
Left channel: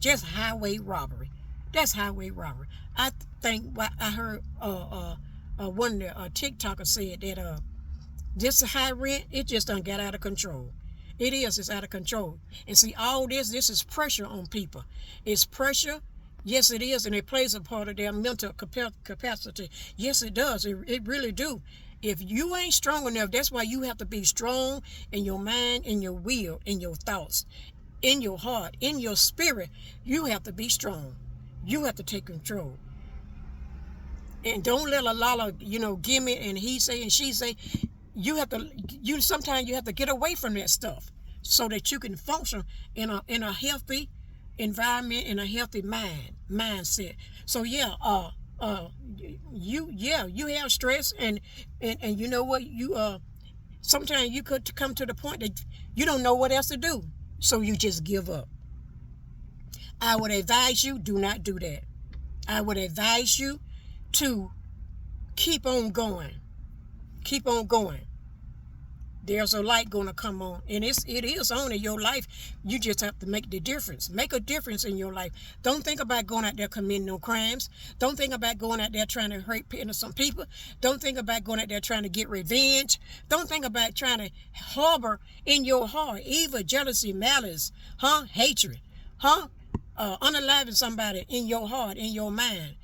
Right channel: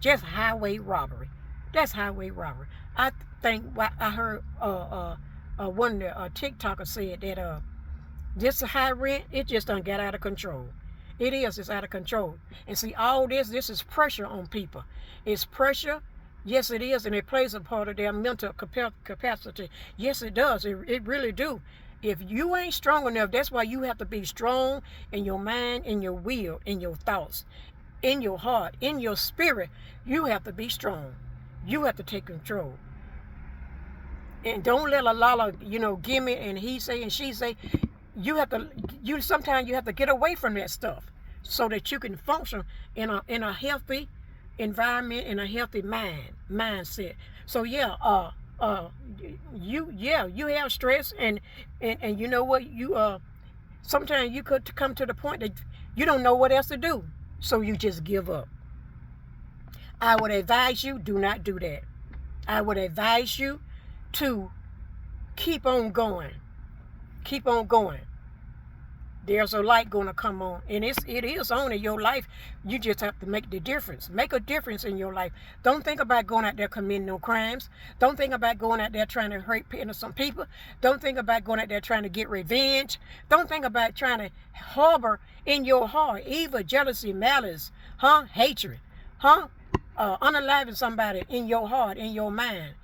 just highway robbery. That's highway robbery. I think I heard one of the TikTokers said that this high rent, it just done got out of control. It's out of control. And see, all this is pressure on people. It's pressure. Yes, it is, and it plays a part of their mental capacity. Yes, it does. It really do. If you ain't strong enough, that's why you have to be strong in your mind, in your will, in your thoughts, in your heart, in your spirit. You have to be strong. You have to take control. And don't let a lot of, gimme and he say and she say. Sometimes you have to get away from that stuff so that you can function in a healthy environment, in a healthy mindset. So you have stress and you know what, sometimes you could come to the point that you don't know what else to do, so you just give up. I would advise you, do not do that. I would advise you to keep on going. Keep on going. There's a light going to come on, and it is on in your life. You just have to make the difference. Make a difference in your life. Don't think about going out there committing no crimes. Don't think about going out there trying to hurt innocent people. Don't think about going out there trying to get revenge. Don't think about trying to harbor in your heart evil, jealousy, malice, hatred, unaliving somebody in your heart, in your mind,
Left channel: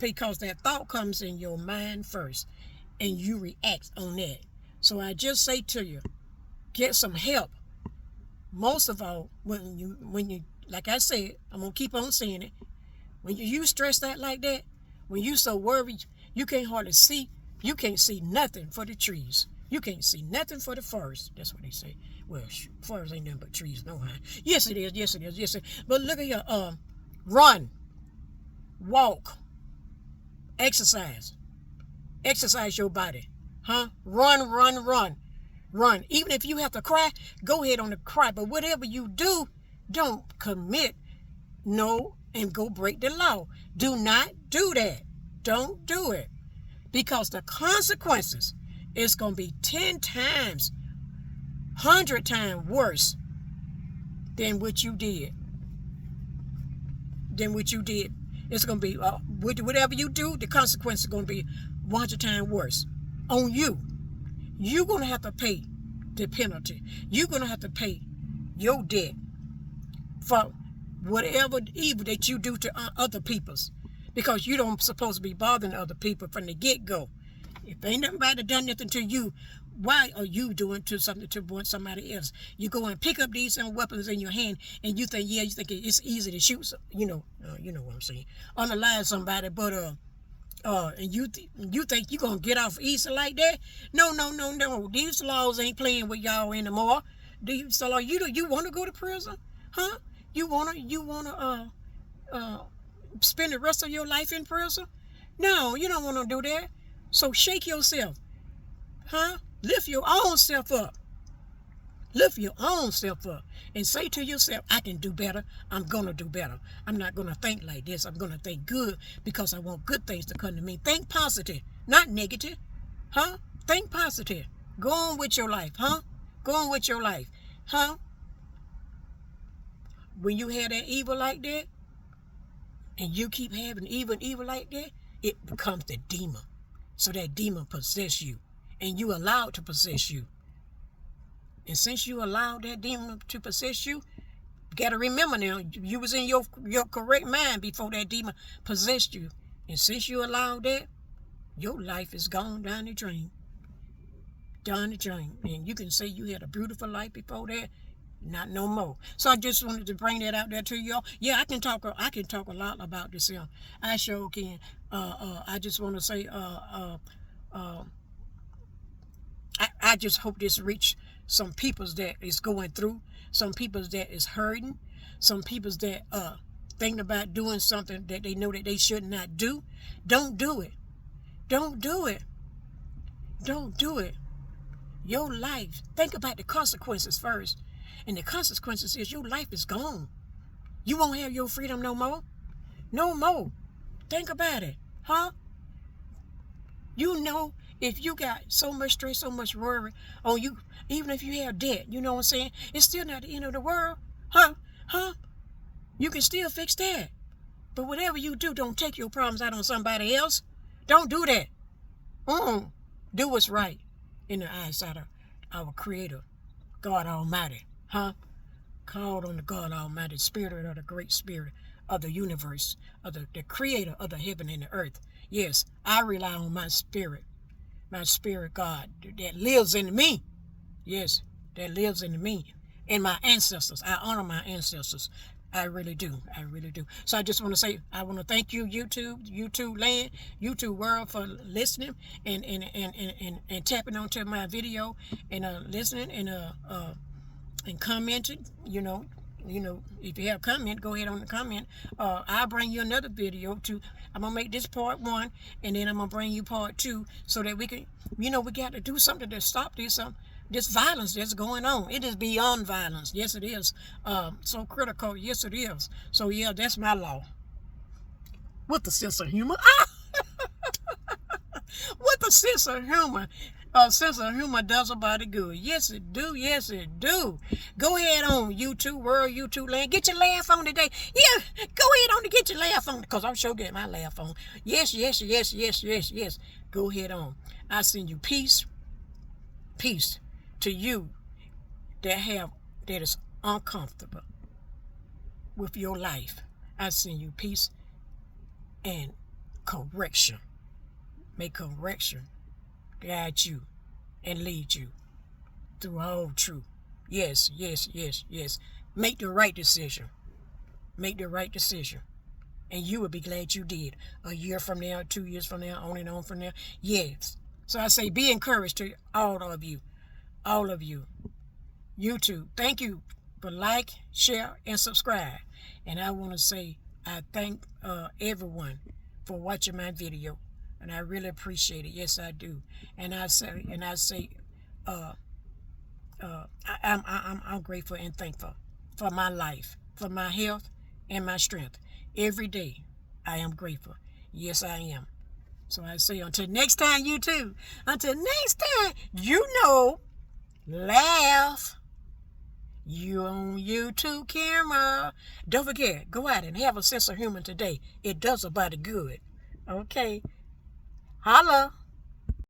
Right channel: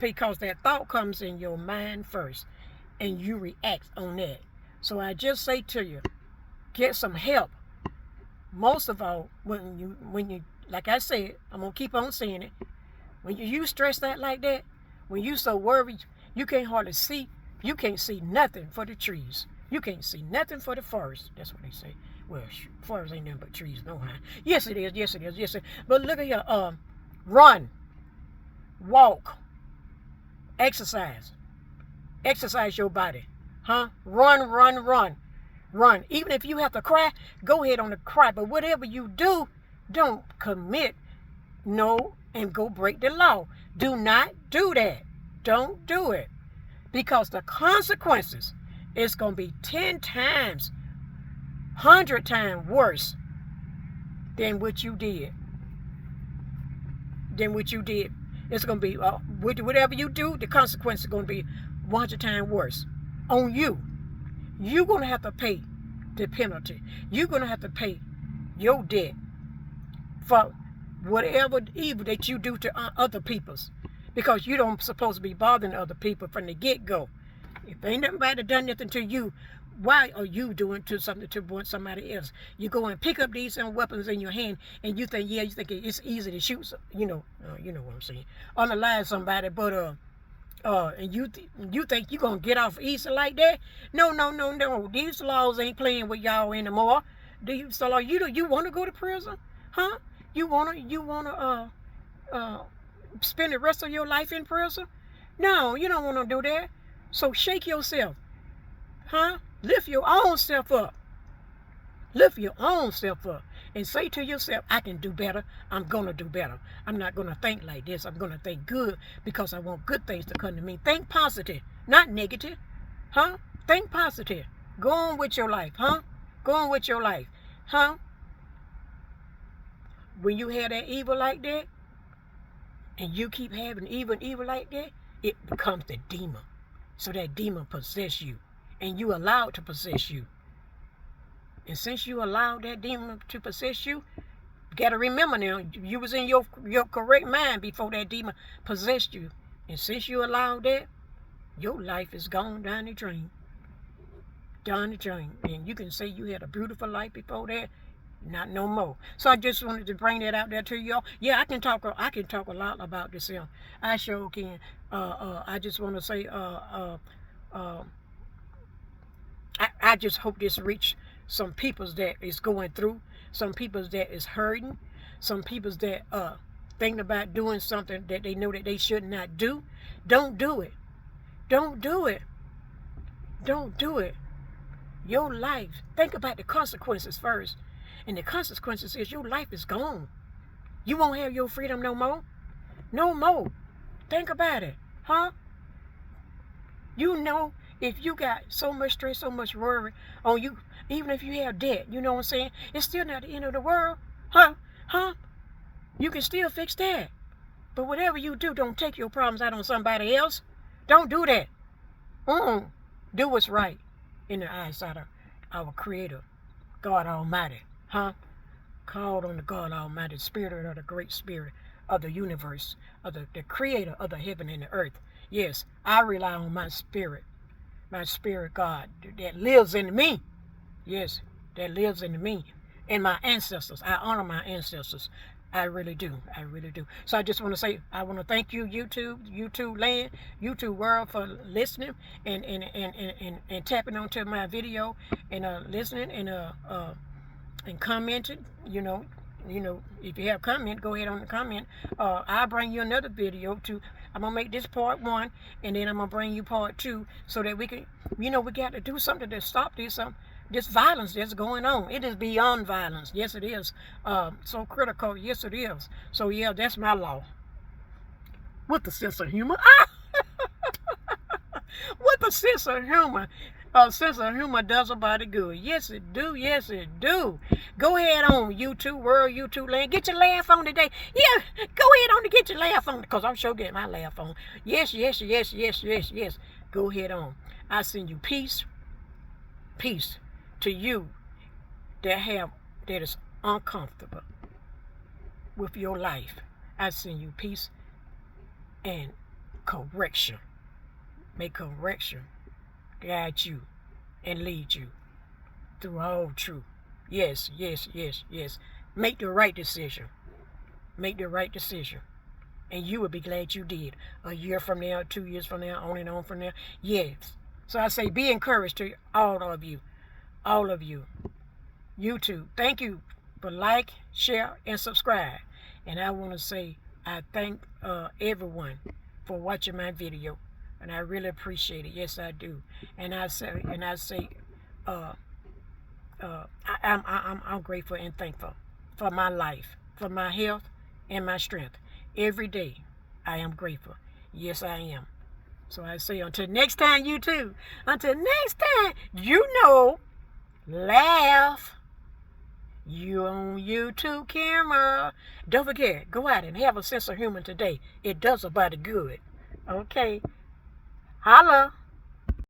because that thought comes in your mind first, and you react on that. So I just say to you, get some help. Most of all, when you, like I said, I'm gonna keep on saying it. When you stressed out like that, when you so worried, you can't hardly see. You can't see nothing for the trees. You can't see nothing for the forest. That's what they say. Well, forest ain't nothing but trees, no how. Yes, it is. Yes, it is. Yes, it is. But look at here. Run, walk, exercise your body. Run. Even if you have to cry, go ahead on the cry. But whatever you do, don't commit and go break the law. Do not do that. Don't do it. Because the consequences is going to be 10 times, 100 times worse than what you did. It's going to be, whatever you do, the consequences are going to be 100 times worse on you. You're going to have to pay the penalty. You're going to have to pay your debt for whatever evil that you do to other people's, because you don't supposed to be bothering other people from the get-go. If ain't nobody done nothing to you, why are you doing to something to somebody else? You go and pick up these weapons in your hand, and you think it's easy to shoot, you know what I'm saying, unalive somebody, but and you think you gonna get off easy like that? No. These laws ain't playing with y'all anymore. So you want to go to prison, huh? You wanna spend the rest of your life in prison? No, you don't want to do that. So shake yourself, huh? Lift your own self up. Lift your own self up and say to yourself, I can do better. I'm going to do better. I'm not going to think like this. I'm going to think good because I want good things to come to me. Think positive, not negative, huh? Think positive. Go on with your life, huh? Go on with your life, huh? When you have that evil like that, and you keep having evil like that, it becomes the demon. So that demon possess you, and you allow it to possess you. And since you allowed that demon to possess you, you got to remember now, you was in your correct mind before that demon possessed you. And since you allowed that, your life is gone down the drain. Down the drain. And you can say you had a beautiful life before that. Not no more. So I just wanted to bring that out there to y'all. Yeah, I can talk a lot about this. I sure can. I just want to say, I just hope this reach some peoples that is going through, some peoples that is hurting, some peoples that thinking about doing something that they know that they should not do. Don't do it. Don't do it. Don't do it. Your life, think about the consequences first. And the consequences is your life is gone. You won't have your freedom no more. No more. Think about it, huh? You know, if you got so much stress, so much worry on you, even if you have debt, you know what I'm saying? It's still not the end of the world, huh? You can still fix that. But whatever you do, don't take your problems out on somebody else. Don't do that. Do what's right in the eyesight of our Creator, God Almighty, huh? Called on the God Almighty, Spirit of the great Spirit of the universe, of the Creator of the heaven and the earth. Yes, I rely on my spirit God that lives in me. Yes, that lives in me. And my ancestors. I honor my ancestors. I really do. I really do. So I just want to say, I want to thank you, YouTube land, YouTube world, for listening and tapping onto my video and listening and commenting. You know, if you have comment, go ahead on the comment. I'll bring you another video too. I'm gonna make this part 1, and then I'm gonna bring you part 2, so that we can, we got to do something to stop this violence that's going on. It is beyond violence. Yes, it is. So critical. Yes, it is. So yeah, that's my law. With a sense of humor. With a sense of humor. A sense of humor does a body good. Yes, it do. Yes, it do. Go ahead on YouTube world, YouTube land. Get your laugh on today. Yeah, go ahead on to get your laugh on, because I'm sure getting my laugh on. Yes. Go ahead on. I send you peace. Peace to you that is uncomfortable with your life. I send you peace and correction. May correction guide you and lead you through all truth. Yes. Make the right decision. Make the right decision. And you will be glad you did. A year from now, 2 years from now, on and on from there. Yes. So I say, be encouraged to all of you. All of you. YouTube, thank you for like, share, and subscribe. And I want to say, I thank everyone for watching my video. And I really appreciate it. Yes, I do. And I say, I'm grateful and thankful for my life, for my health and my strength. Every day, I am grateful. Yes, I am. So I say, until next time, YouTube. Until next time, laugh. You on YouTube camera. Don't forget, go out and have a sense of humor today. It does a body good. Okay. Holla.